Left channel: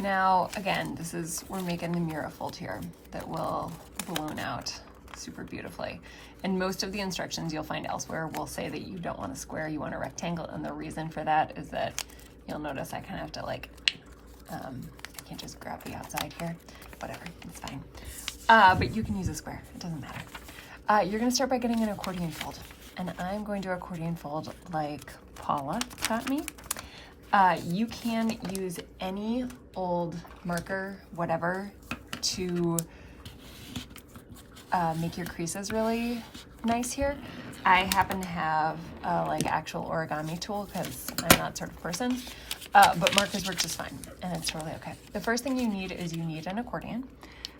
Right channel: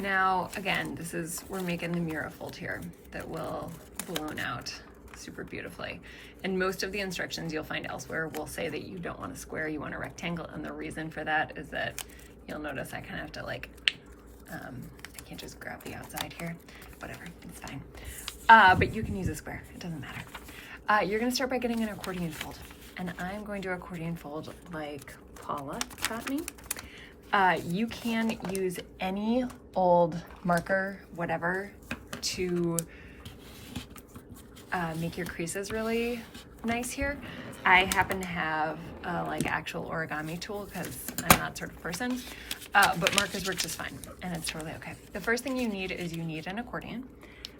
Now, again, we're making the Miura Fold here that will balloon out super beautifully. And most of the instructions you'll find elsewhere will say that you don't want a square, you want a rectangle. And the reason for that is that you'll notice I kind of have to like, I can't just grab the outside here. Whatever, it's fine. But you can use a square, it doesn't matter. You're gonna start by getting an accordion fold. And I'm going to accordion fold like Paula taught me. You can use any old marker, whatever, to make your creases really nice here. I happen to have like actual origami tool because I'm that sort of person, but markers work just fine and it's totally okay. The first thing you need is an accordion.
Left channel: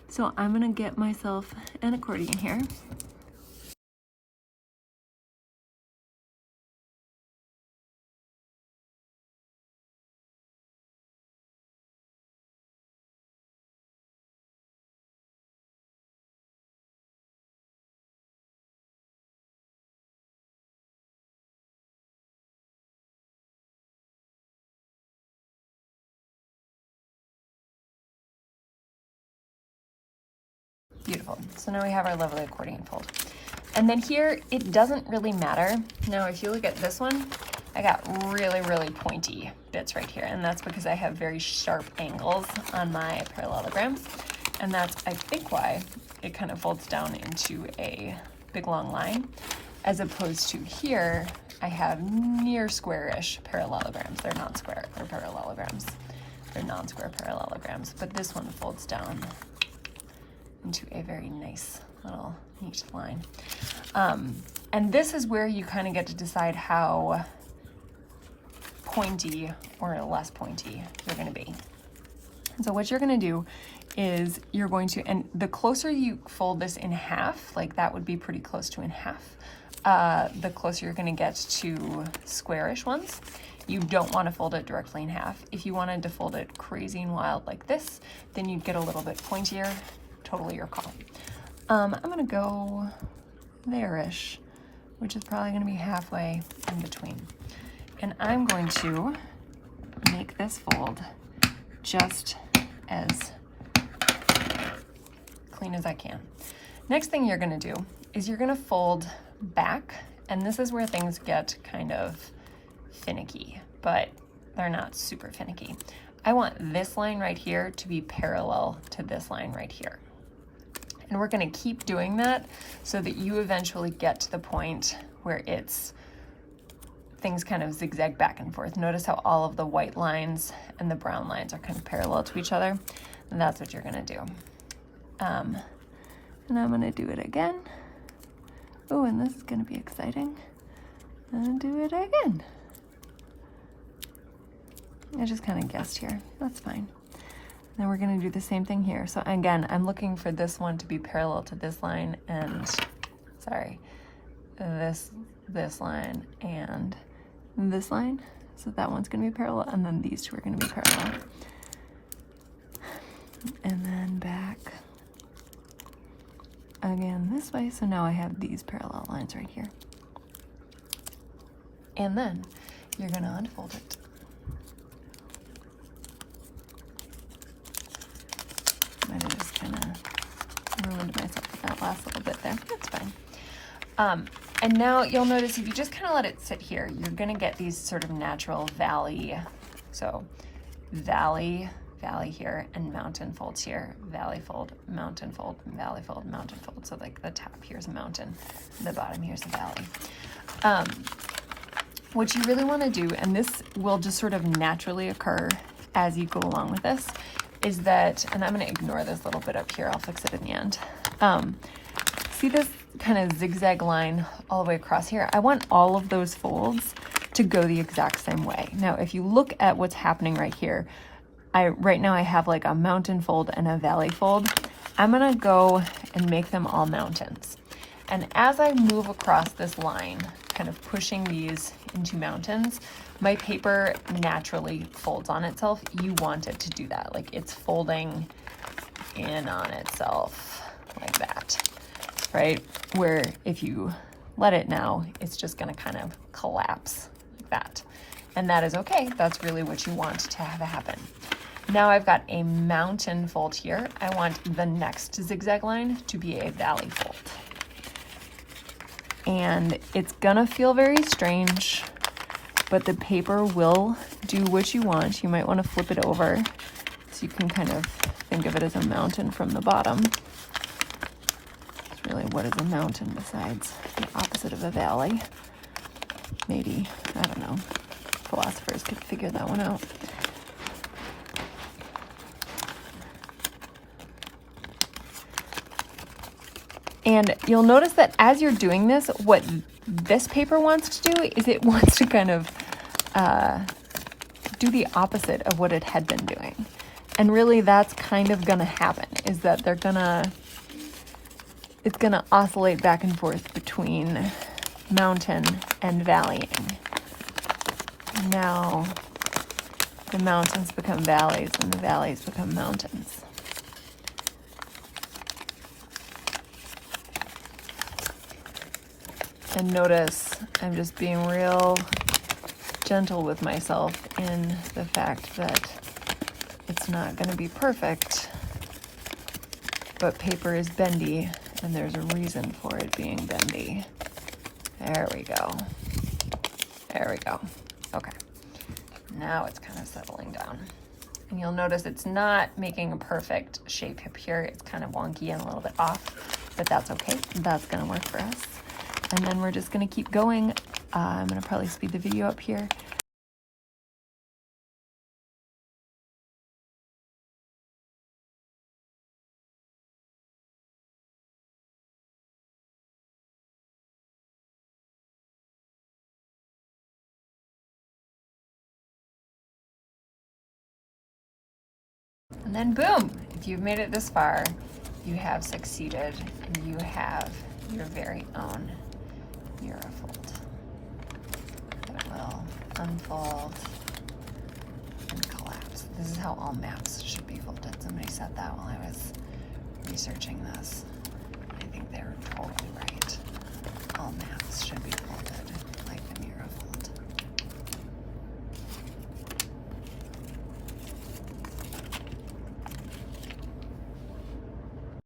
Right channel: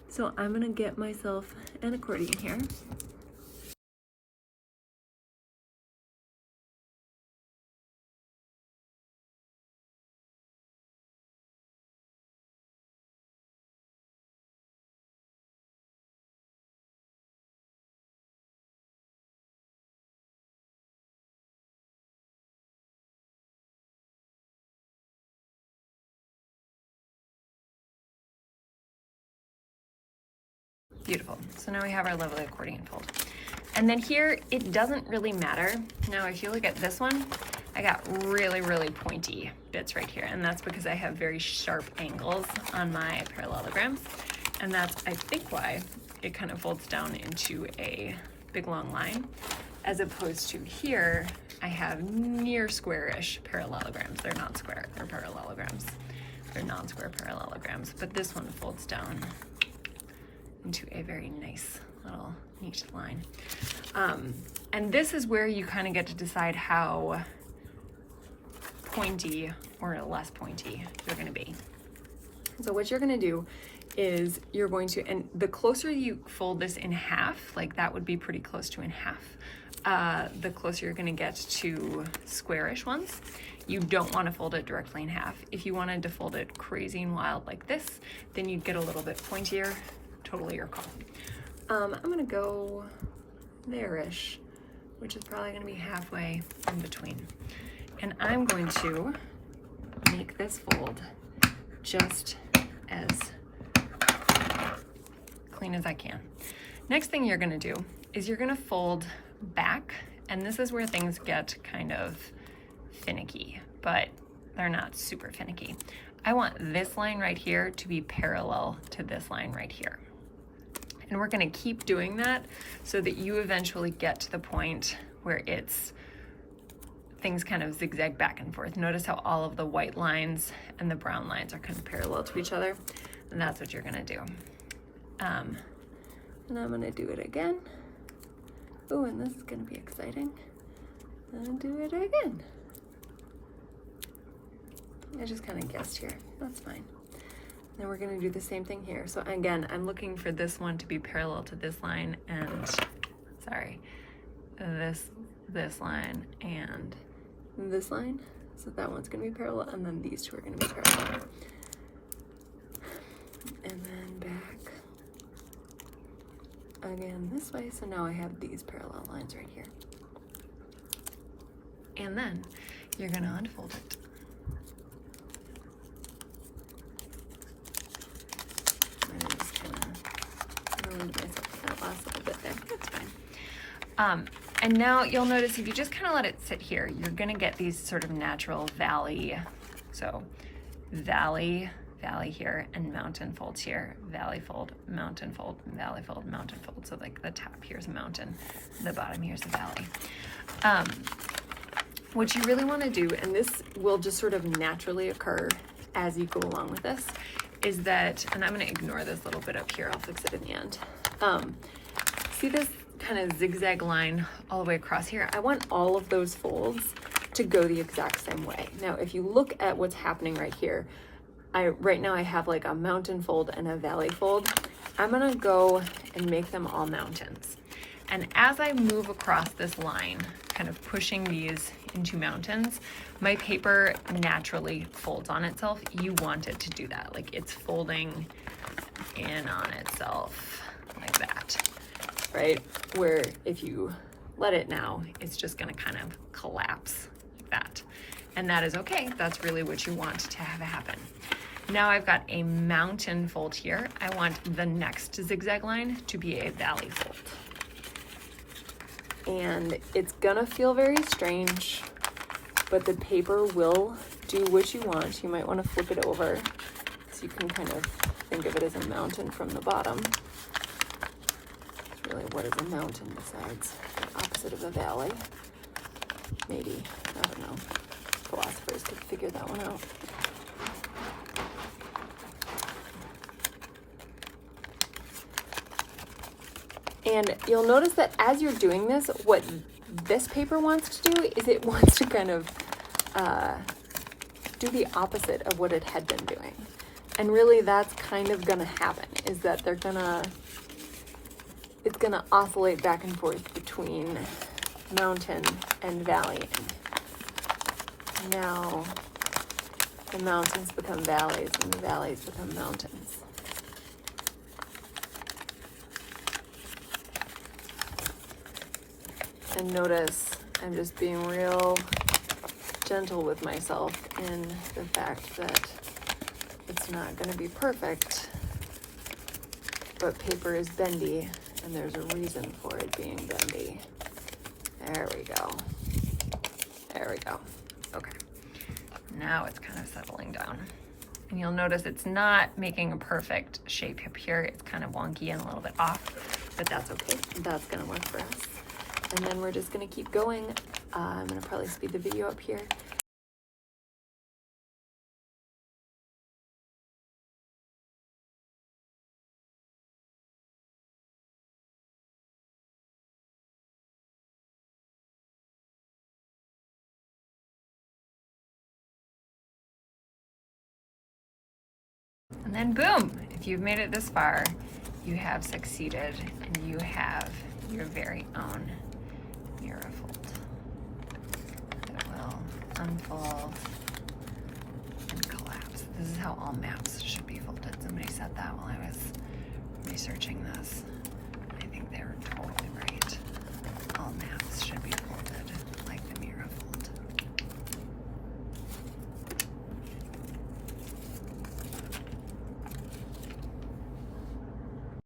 So I'm gonna get myself an accordion here. Beautiful. So now we have our lovely accordion fold. And then here, it doesn't really matter. Now, if you look at this one, I got really, really pointy bits right here. And that's because I have very sharp angles on my parallelograms. And that's, I think, why it kind of folds down into a big long line, as opposed to here, I have near square-ish parallelograms. They're not square, they're parallelograms. They're non-square parallelograms, but this one folds down into a very nice little neat line. And this is where you kind of get to decide how pointy or less pointy you're going to be. And so what you're going to do is you're going to, and the closer you fold this in half, like that would be pretty close to in half, the closer you're going to get to squarish ones. You don't want to fold it directly in half. If you wanted to fold it crazy and wild like this, then you'd get a little bit pointier. Totally your call. I'm gonna go there-ish, which is probably gonna be halfway in between. And I'm going to make this fold just as clean as I can. Next thing you're gonna do is you're gonna fold back, and this is where things get kind of finicky, but they're not super finicky. I want this line right here to be parallel to this line right here. And we're gonna keep doing that so that you eventually get to the point where things kind of zigzag back and forth. Notice how all of the white lines and the brown lines are kind of parallel to each other. And that's what you're gonna do. And I'm gonna do it again. Oh, and this is gonna be exciting. And do it again. I just kind of guessed here, that's fine. Then we're gonna do the same thing here. So again, I'm looking for this one to be parallel to this line and, sorry, this line and this line. So that one's gonna be parallel, and then these two are gonna be parallel. And then back again this way. So now I have these parallel lines right here. And then you're gonna unfold it. That last little bit there, that's fine. And now you'll notice if you just kind of let it sit here, you're gonna get these sort of natural valley. So valley here, and mountain folds here, valley fold, mountain fold, valley fold, mountain fold. So like the top here's a mountain, the bottom here's a valley. What you really wanna do, and this will just sort of naturally occur as you go along with this, is that, and I'm gonna ignore this little bit up here, I'll fix it in the end. See this kind of zigzag line all the way across here? I want all of those folds to go the exact same way. Now, if you look at what's happening right here, right now I have like a mountain fold and a valley fold. I'm gonna go and make them all mountains. And as I move across this line, kind of pushing these into mountains, my paper naturally folds on itself. You want it to do that. Like it's folding in on itself like that, right? Where if you let it now, it's just gonna kind of collapse like that. And that is okay. That's really what you want to have happen. Now I've got a mountain fold here. I want the next zigzag line to be a valley fold. And it's gonna feel very strange, but the paper will do what you want. You might want to flip it over so you can kind of think of it as a mountain from the bottom. It's really, what is a mountain besides the opposite of a valley? Maybe, I don't know. Philosophers could figure that one out. And you'll notice that as you're doing this, what this paper wants to do is it wants to kind of do the opposite of what it had been doing. And really that's kind of gonna happen, is that it's gonna oscillate back and forth between mountain and valley. Now the mountains become valleys and the valleys become mountains. And notice I'm just being real gentle with myself in the fact that it's not going to be perfect, but paper is bendy and there's a reason for it being bendy. There we go. There we go. Okay. Now it's kind of settling down. And you'll notice it's not making a perfect shape up here. It's kind of wonky and a little bit off, but that's okay. That's going to work for us. And then we're just going to keep going. I'm going to probably speed the video up here. And then boom, if you've made it this far, you have succeeded and you have your very own Miura Fold. It will unfold and collapse. This is how all maps should be folded. Somebody said that while I was researching this. I think they were totally right. All maps should be folded.